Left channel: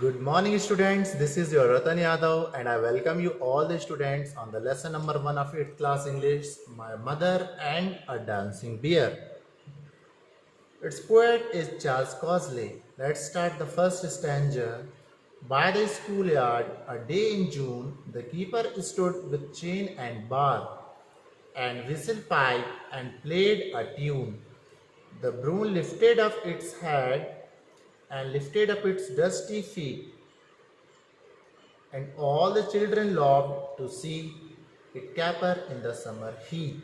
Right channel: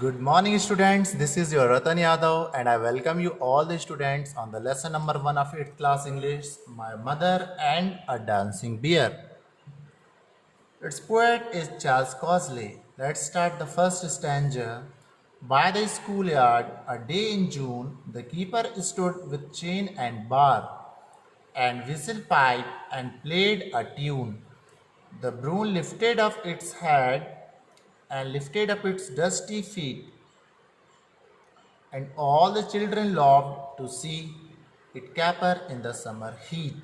Good morning, students. This is your Ratan Yadav, and I welcome you all the students on the lesson number 1 of 8th class English, My Mother and a Dancing Bear. Its poet is Charles Cosley. Let's start the first stanza. By the schoolyard, a day in June, the keeper stood with chain and bar, and whistle pipe and played a tune. The broom lifted up its head and lifted up its dusty feet, and all the children loved to see it caper in the summer heat.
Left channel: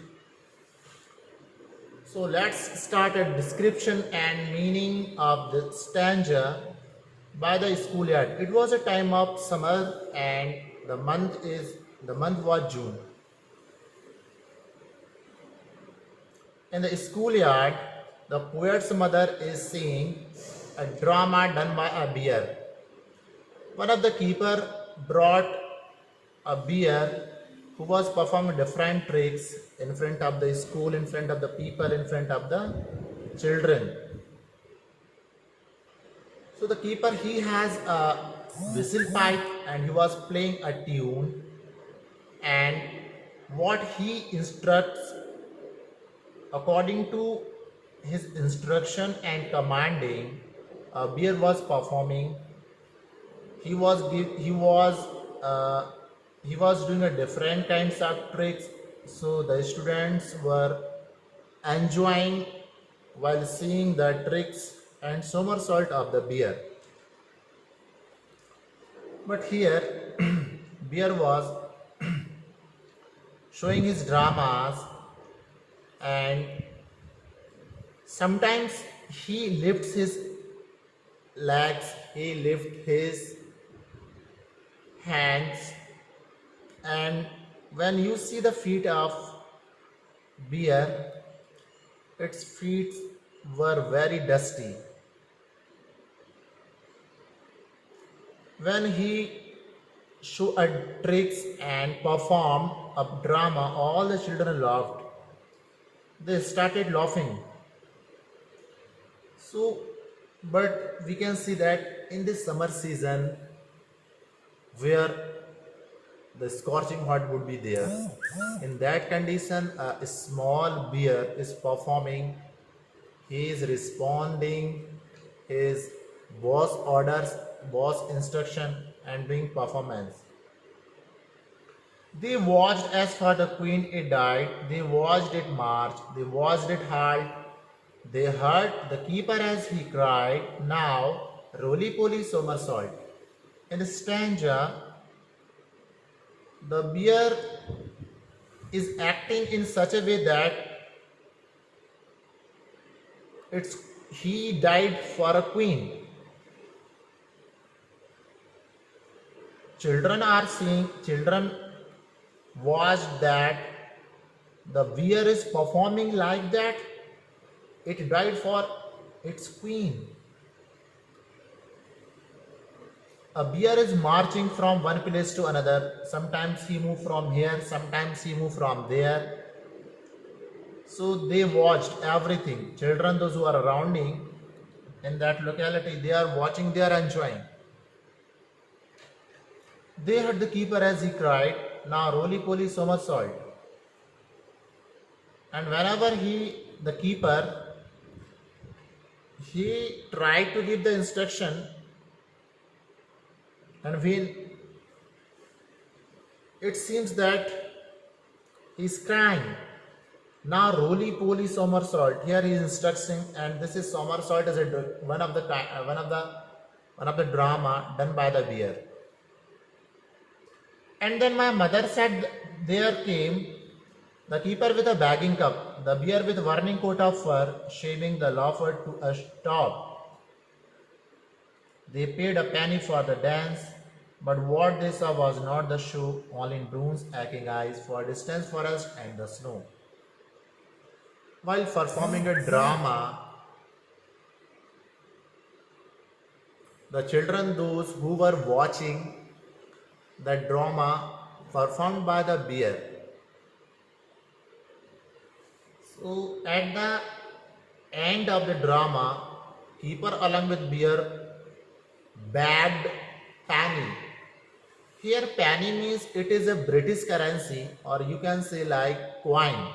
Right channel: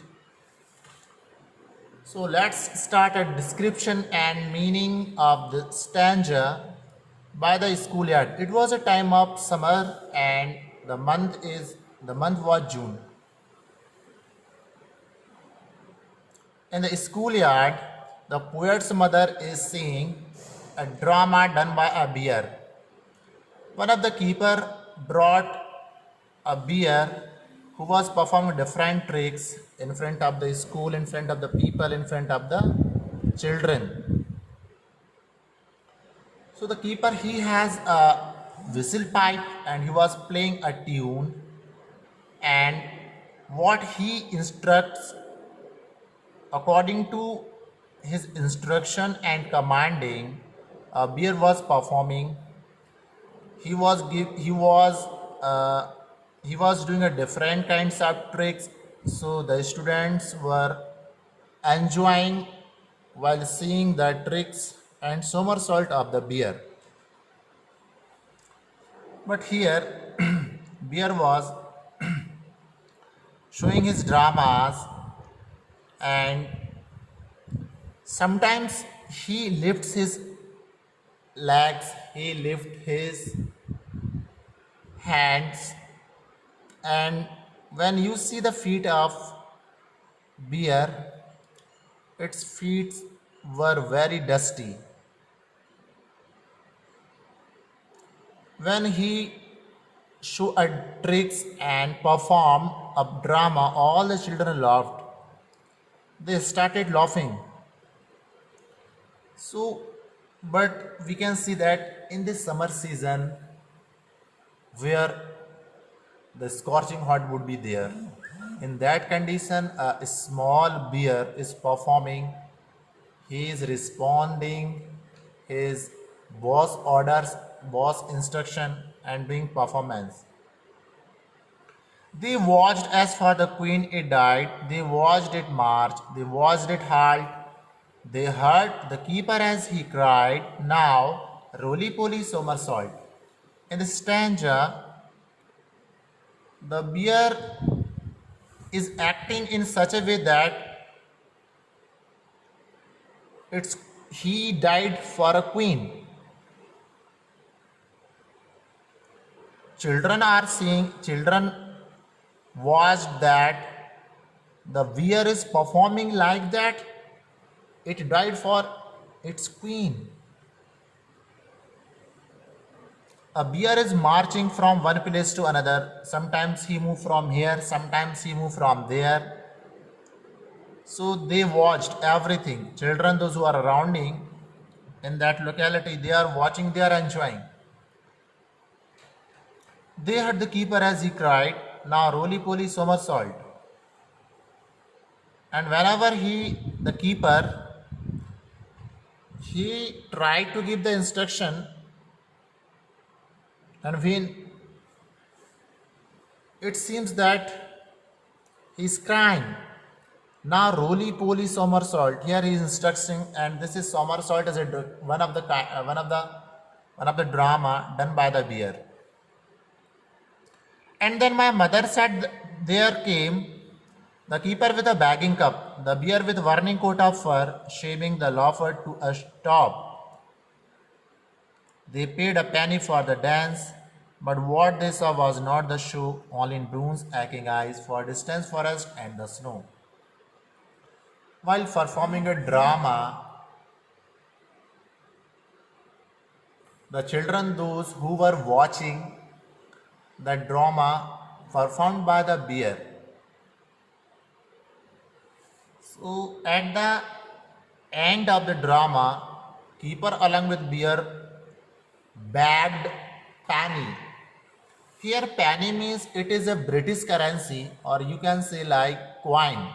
So let's start a description and meaning of the stanza by the schoolyard. It was a time of summer and the month was June. In the schoolyard, the poet's mother is seeing a drama done by a bear. One of the keeper brought a bear who was performing different tricks in front of the school, in front of the people, in front of the children. So the keeper he has a whistle pipe and he was playing a tune, and what he instructs according to his instruction and commanding, a bear was performing. He was he was doing a different kinds of tricks, so the students were enjoying while seeing the tricks and somersault of the bear. But here bear was showing his dramas, and sometimes he lifts his legs, he lifts his hands, and when you see the feet of bear, its feet were very dusty. When he show a tricks and perform a drama, all the children laughed. They started laughing. So, but we can see that in this summer season, where the scorching hot would be there, in that condition, a small bear is performing. He is responding his boss orders, boss instruction, and doing performance. They watched as for the queen it died, they watched it march, they watched it halt, they heard the keeper as he cried, now roly poly somersault. In the stanza, the bear is acting in such a way that it's he died for a queen. Children watched that the bear is performing like that. It died for its queen. A bear is marching from one place to another. Sometimes he move from here, sometimes he move from there. So they watched everything. Children, those who are surrounding in that locality, they are watching, they are enjoying. They heard the keeper as he cried, now roly poly somersault. And whenever the keeper, he tried to give the instruction, and when it seems that he's crying, now roly poly somersault. Here he is instructing, and this is somersault as one of the drama done by the bear. And then my mother said, there came the keeper with a bagging cup, the bear with warning coat of fur, shaming the laugher to a stop. They paid a penny for the dance, but what they saw was not the show, all in Brune's aching eyes for distant forest and the snow. While performing a drama, the children, those who were watching the drama performed by the bear. So at the end of the drama, keeper along with bear bagged penny. Here penny means it is a British currency, or you can say like coin.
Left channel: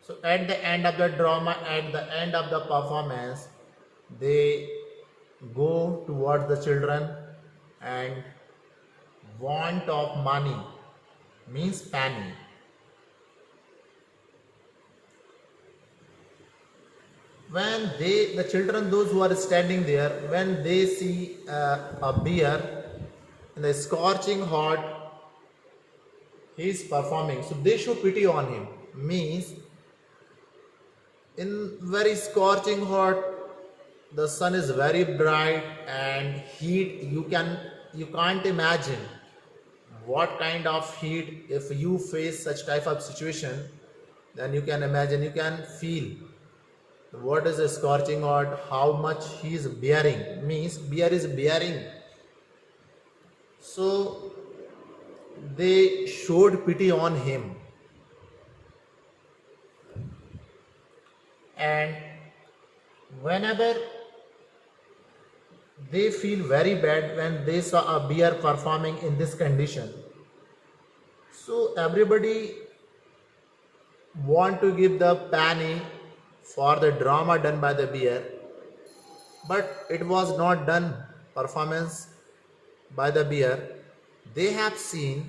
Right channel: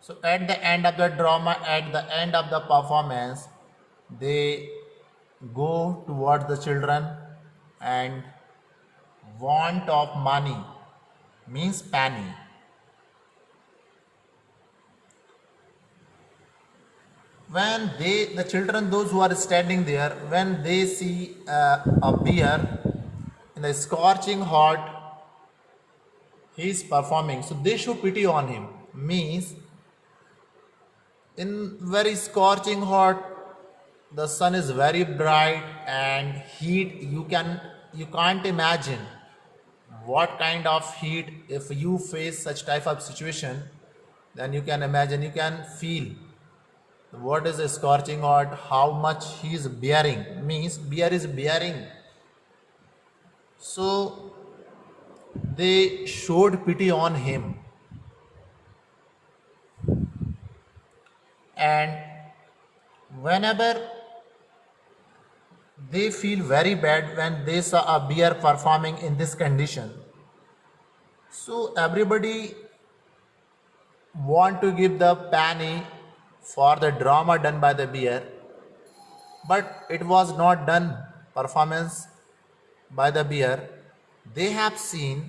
So at the end of the drama, at the end of the performance, they go towards the children and want of money means penny. When the children, those who are standing there, when they see a bear in the scorching hot, he is performing, so they show pity on him. Means in very scorching hot, the sun is very bright and heat, you can't imagine what kind of heat. If you face such type of situation, then you can imagine, you can feel what is a scorching hot, how much he is bearing. Means bear is bearing. So they showed pity on him, and whenever they feel very bad when they saw a bear performing in this condition, so everybody want to give the penny for the drama done by the bear, but it was not done performance by the bear. They have seen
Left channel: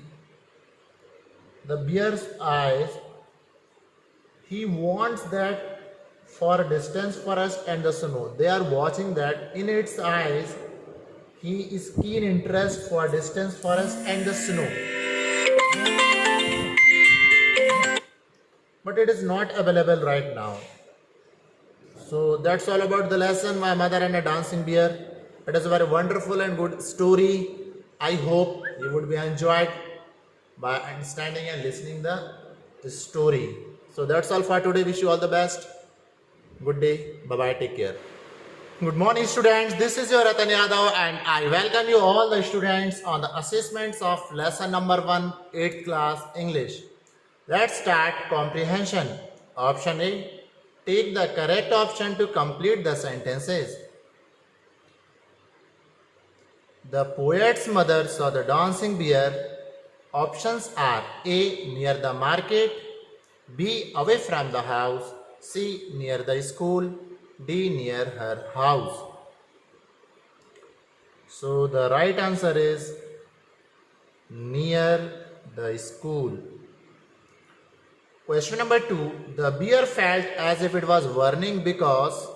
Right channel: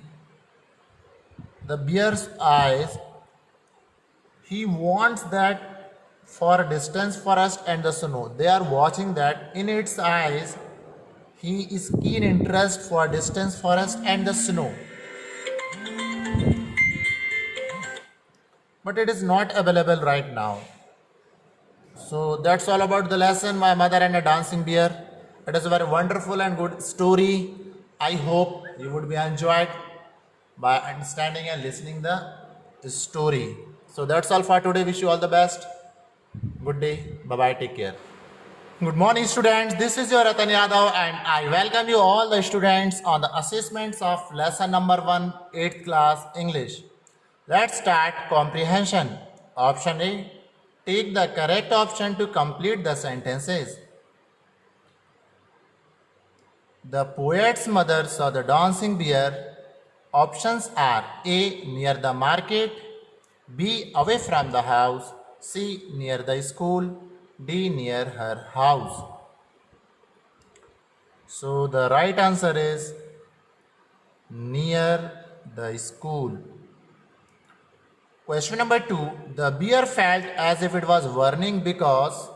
the bear's eyes, he wants that for distance, forest and the snow. They are watching that in its eyes, he is keen interest for distance, forest and the snow, but it is not available right now. So that's all about the lesson, My Mother and a Dancing Bear. It is a very wonderful and good story. I hope you would be enjoyed by understanding and listening the story. So that's all for today. Wish you all the best. Good day. Bye bye. Take care. Good morning, students. This is your Ratan Yadav, and I welcome you all the students on the assessments of lesson number 1, 8th class English. Let's start comprehension. Option A. Take the correct option to complete the sentences. The poet's mother saw the dancing bear. Options are A. Near the market, B. Away from the house, C. Near the school, D. Near her house. So the right answer is near the school. Question number 2. The bear felt as if it was burning because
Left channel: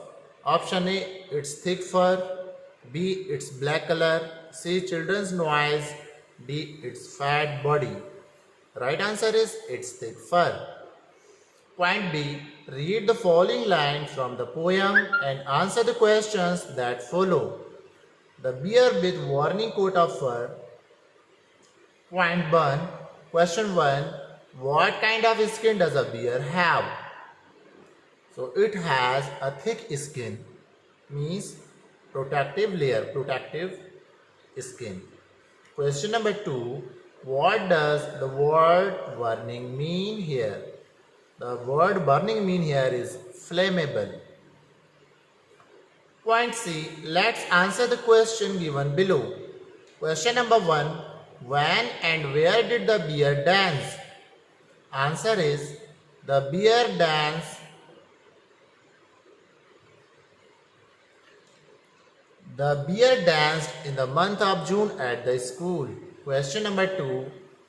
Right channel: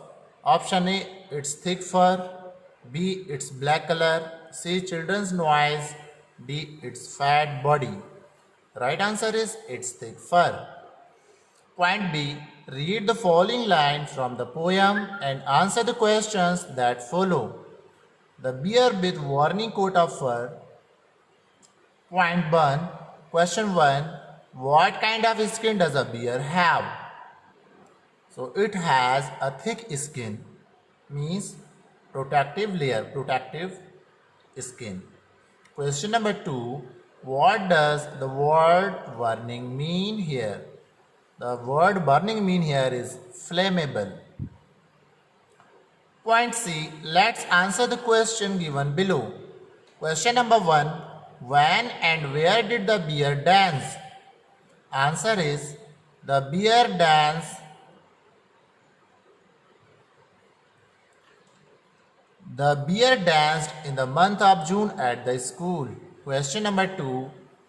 option A. Its thick fur, B. Its black color, C. Children's noise, D. Its fat body. Right answer is its thick fur. Point B. Read the following lines from the poem and answer the questions that follow. The bear with warning coat of fur. Point 1. Question 1. What kind of skin does a bear have? So it has a thick skin, means protective layer, protective skin. Question number 2. What does the word burning mean here? The word burning mean here is flammable. Point C. Let's answer the question given below. Question number 1. When and where did the bear dance? Answer is the bear danced in the month of June at the school. Question number 2.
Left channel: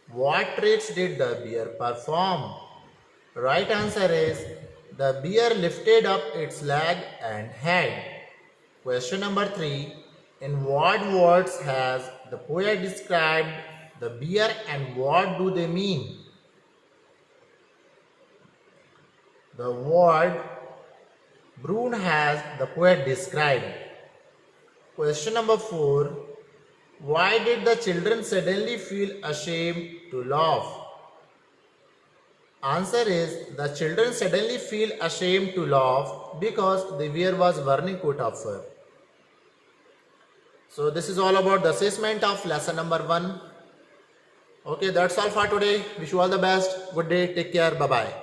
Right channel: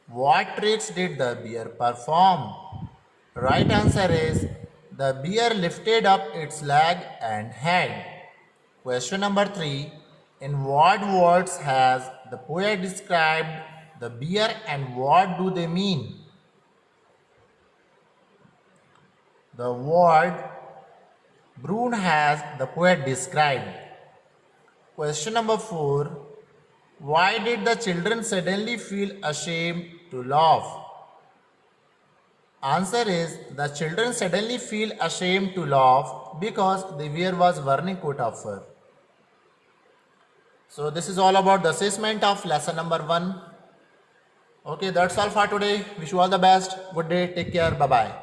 What tricks did the bear perform? Right answer is the bear lifted up its leg and head. Question number 3. In what words has the poet described the bear and what do they mean? The word Brood has the poet described. Question number 4. Why did the children suddenly feel ashamed to laugh? Answer is the children suddenly feel ashamed to laugh because the bear was wearing coat of fur. So this is all about the assessment of lesson number 1. Okay, that's all for today. Wish you all the best. Good day. Take care. Bye bye.